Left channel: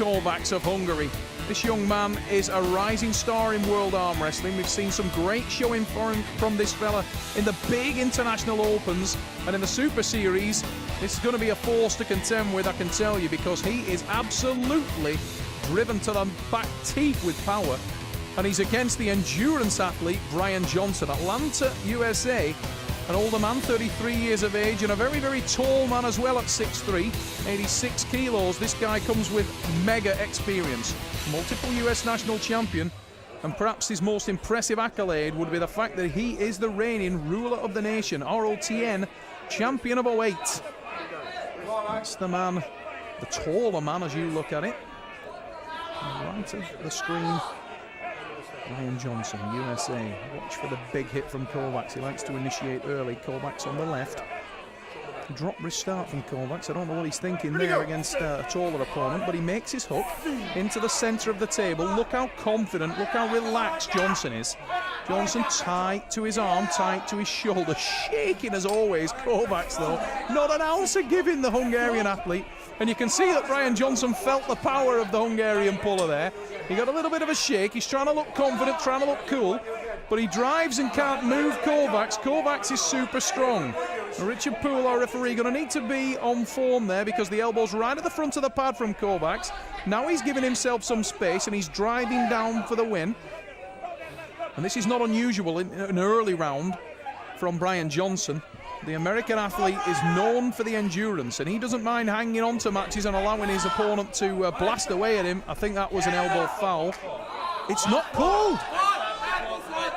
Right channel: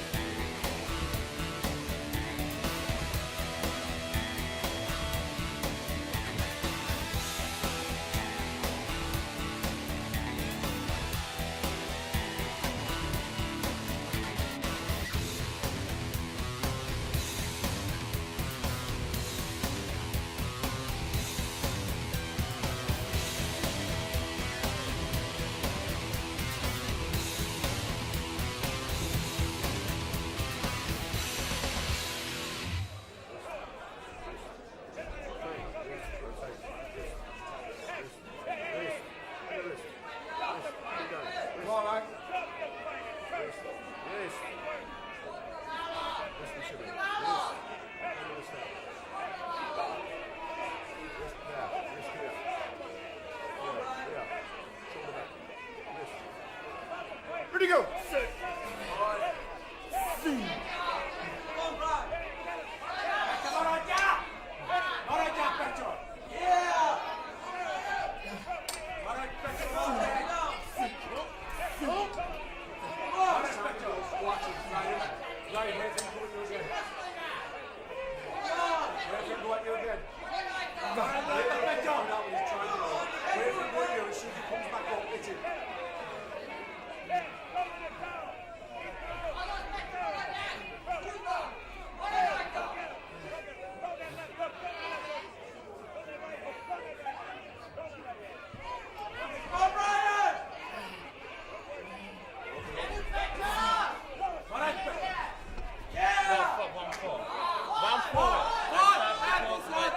Kovaks of Hungary. This young man is a rising star in world arm wrestling. We've seen some great showing from this fella in the big international opens, and in the Super Series, it's going to be a force to contend with, I can tell you, because he is absolutely driven to the back teeth with power. And he's against the endurance athlete, Brian Johnson, Atlanta, USA. An older man, 33 years of age, and a very, very tall man as well at 6'3", 86 kilos. This guy comes with mega experience. Multiple US national champion, and perhaps his most impressive accolade would be the fact that he is the reigning ruler of the nation, ROTN champion of 08. That's the man, the taller man as you look at it. Right of the screen, Brian Johnson, USA. Watch for the big hit from Kovaks. He likes to initiate early. Kovaks on the left. Drop wrist start from Kovaks. I don't know what he's thinking there against a taller opponent, but he makes his hook into the centre of the table. Look how confident, look how relaxed Johnson is. Johnson tight to his arm, tight to his shoulder, shaking as always. Kovaks, though, not an ounce of giving the Hungarian athlete. And you can see that Brian Johnson felt the power of the Hungarian puller there. He got a little bit of a shake. He's trying to look confident, trying to look cool, but he drives and can't move Kovaks. Kovaks is super strong. Richard Poole, our referee, going to need to be on form there because the elbow's right at the front of the pad from Kovaks. Now he's giving himself some space and he's driving down for the win. And this is not unusual in an early round from Brian Johnson. The American athlete is known for the endurance, and he doesn't mind hanging on to matches and allowing his opponent to blast away at him. I think that was an elbow foul. It's not called.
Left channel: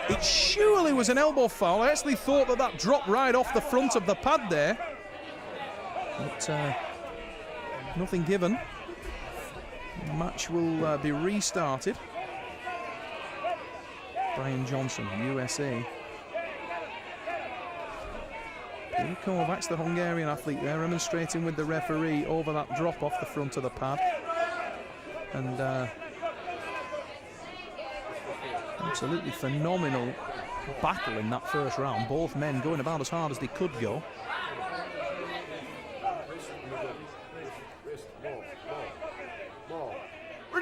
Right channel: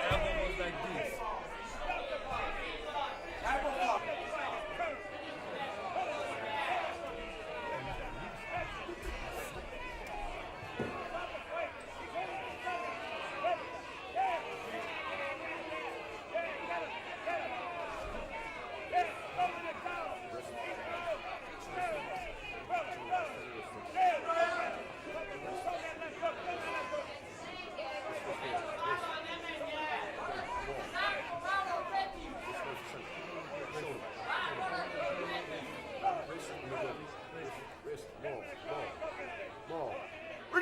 It surely was an elbow foul. I actually thought that that dropped right off the front of the pad there. But nothing given. The match will be restarted. Brian Johnson, USA. Peter Kovaks, the Hungarian athlete there, demonstrating with the referee over that drop off the front of the pad. And absolutely phenomenal battle in that first round. Both men going about as hard as they could go.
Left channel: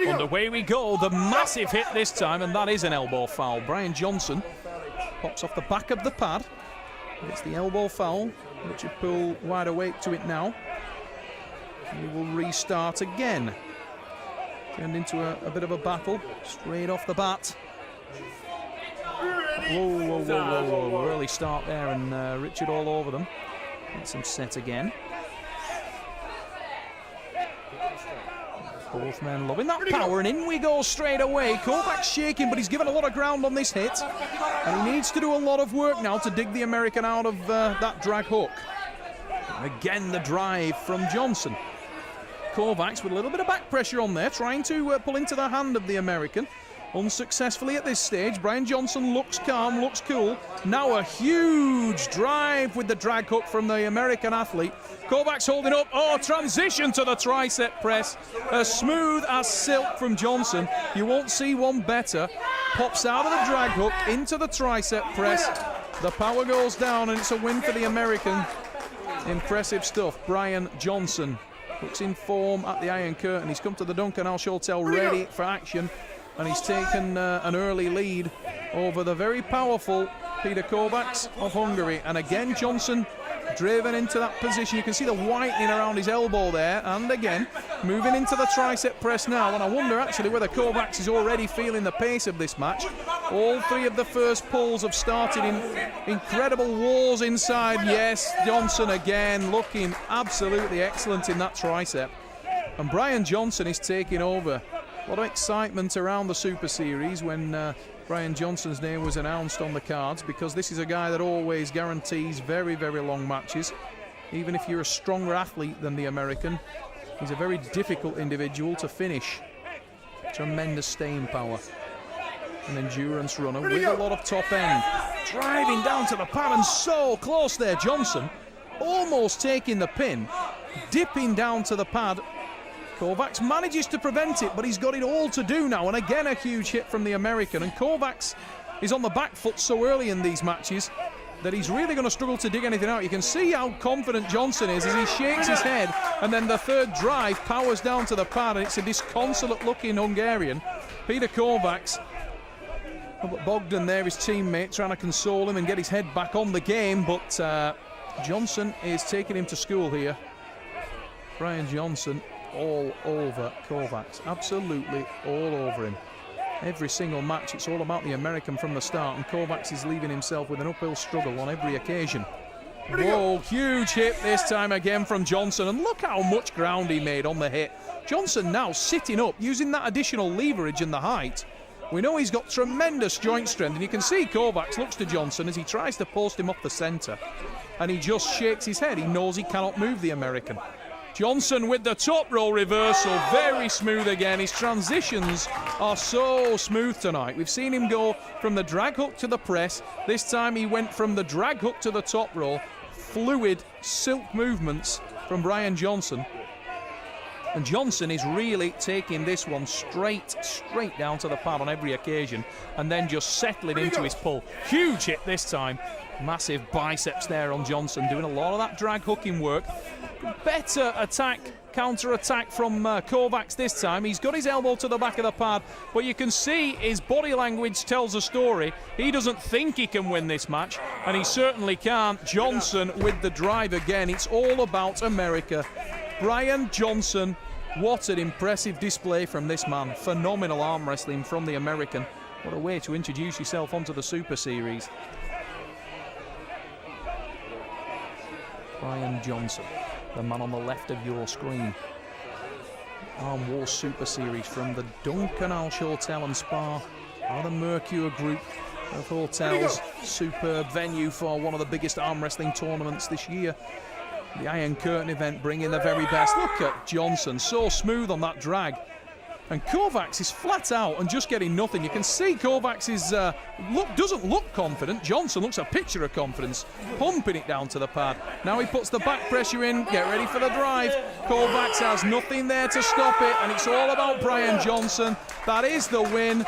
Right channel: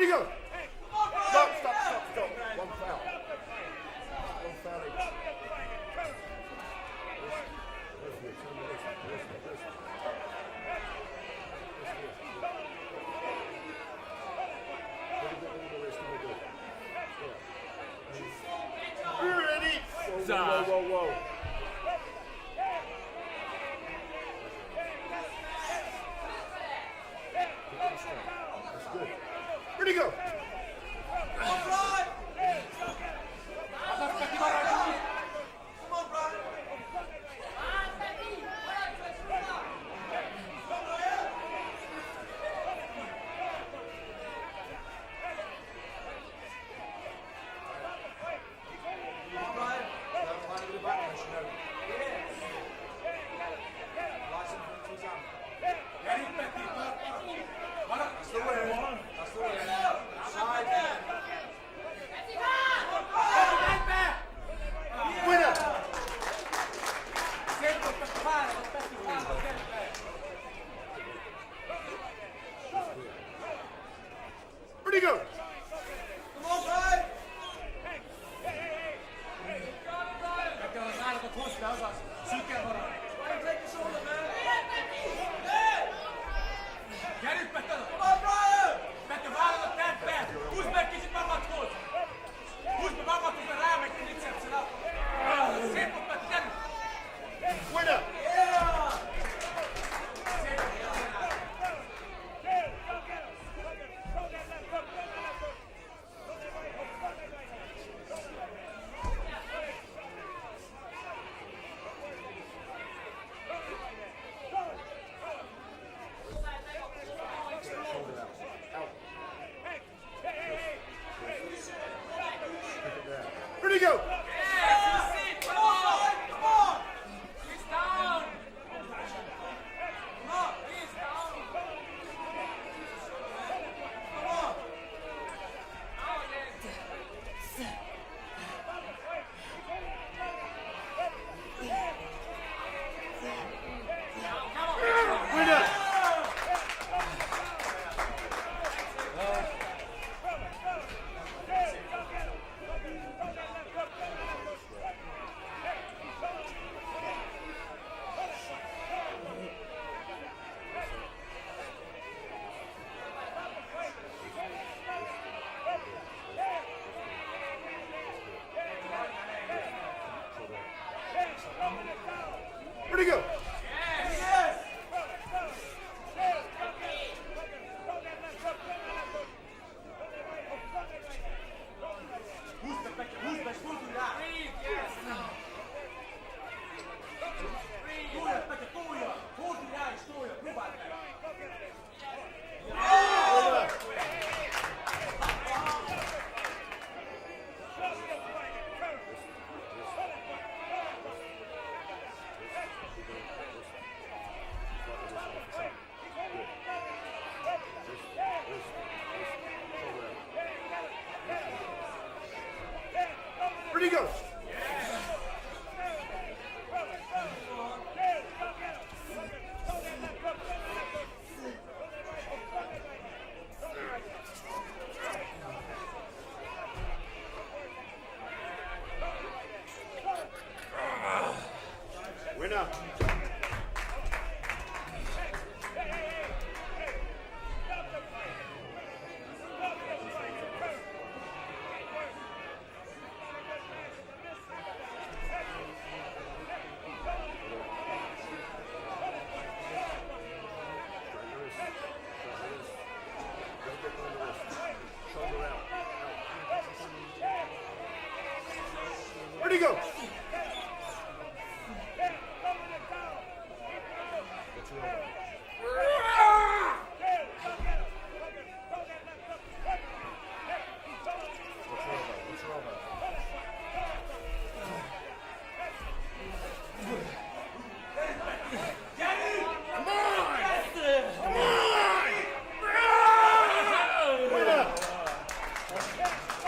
And away we go, the massive hit this time, and that is an elbow foul. Brian Johnson pops off the back of the pad. Gets the elbow foul. Richard Poole wide awake to it now. We will restart again. Turned into a bit of a battle straight off the bat. Whoa, whoa, whoa, whoa, whoa. Early start there, and Richard all over them. Gets them set again. Both men loving that power, and in we go straight away. Kovaks shaking, but he's given a lot of ground on this hit. And he needs to do a lot of work now to dig the American out of that drag hook. Again, the drive from Johnson. Kovaks with a little bit of back pressure on there, trying to pull into the hand of the American. Unsuccessfully at this stage. Brian Johnson looks calm, looks cool. Now a huge drive with the drag hook from the American athlete. Kovaks holding up. Oh, transition to the tricep press. As smooth as silk from Johnson. You won't see one better. Pops out of the drag hook into the tricep press. The power goes down, and it's a win for the American. Impressive stuff. Brian Johnson looks in form at the Iron Curtain. He's come to the Duncan Alsh Hotel ready for action. And he's taken an early lead over the very powerful Peter Kovaks of Hungary. And again, Johnson driven into that position. You can see the whitening around his elbow there. And again, moving into the tricep press now. And I wonder actually whether Kovaks is already feeling the pace of this match. All three of the first pulls have started in incredible wars inside. Yes, Johnson again looking absolutely excellent in that tricep. And Brian Johnson is taking over. A lot of excitement around the Super Series when Brian Johnson's name was announced on the cards, because this is a guy that always guarantees very, very long matches. Even if you're a stronger athlete than the American, he's a very difficult individual to finish. Tremendous staying power. An endurance runner with a lot of top end. Driving down to the pad, and so close there, Johnson. Almost taking the pin. Dipping down to the pad. Kovaks manages to prevent it, but he's got it all to do now. And again, a huge hit from the American. And Kovaks is on the back foot so early in these matches. that he's really going to struggle to dig anything out. You can see how confident Johnson is as he shakes his head, and then the third drive powers down to the pad, and it's a disconsolate-looking Hungarian, Peter Kovaks. Bogdan there, his teammate, trying to console him and get his head back on the game, but Johnson is taking him to school here. Brian Johnson all over Kovaks, absolutely all over him. Every single match, it's all about the American from the start, and Kovaks is leaving himself with an uphill struggle on every occasion. Whoa, huge hit this time again from Johnson, and look how much ground he made on the hit. Johnson now sitting up, using that additional leverage and the height. We know he's got tremendous joint strength, and you can see Kovaks looks to Johnson as he tries to post him off the centre, and he just shakes his head. He knows he cannot move the American. Johnson with the top roll reversal, very smooth again. His transitions are so smooth tonight. We've seen him go from the drag hook to the press. This time he went from the drag hook to the top roll. Fluid, silk movements from Brian Johnson. And Johnson is really taking this one straight down to the pad on every occasion, and then just settling into his pull. Huge hit this time. Massive biceps there on Johnson, doing a lot of that drag hooking work. Better attack, counter-attack from Kovaks this time. He's got his elbow to the back of the pad, but you can see his body language tells a story. He doesn't think he can win this match, and he certainly can't. Johnson with the drive again. It's all about America. Brian Johnson, what an impressive display from this man. Phenomenal arm wrestling from the American. What a way to introduce yourself onto the Super Series. Brian Johnson, the man on the left of your screen. Arm War Super Series from the Duncan Alsh Hotel and Spa, or the Mercure Group of hotels. Superb venue for one of the biggest arm wrestling tournaments this year. The Iron Curtain event bringing the very best. Look at Johnson, so smooth on that drag. And Kovaks is flat out and just getting nothing. You can see Kovaks is doesn't look confident. Johnson looks a picture of confidence, pumping it down to the pad. Now he puts the back pressure in, get ready for the drive. Kovaks has nothing there to stop it, and it's all about Brian Johnson. That is the win.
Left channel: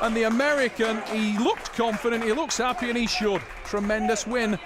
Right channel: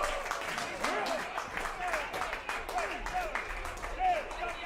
And the American, he looked confident, he looks happy, and he should. Tremendous win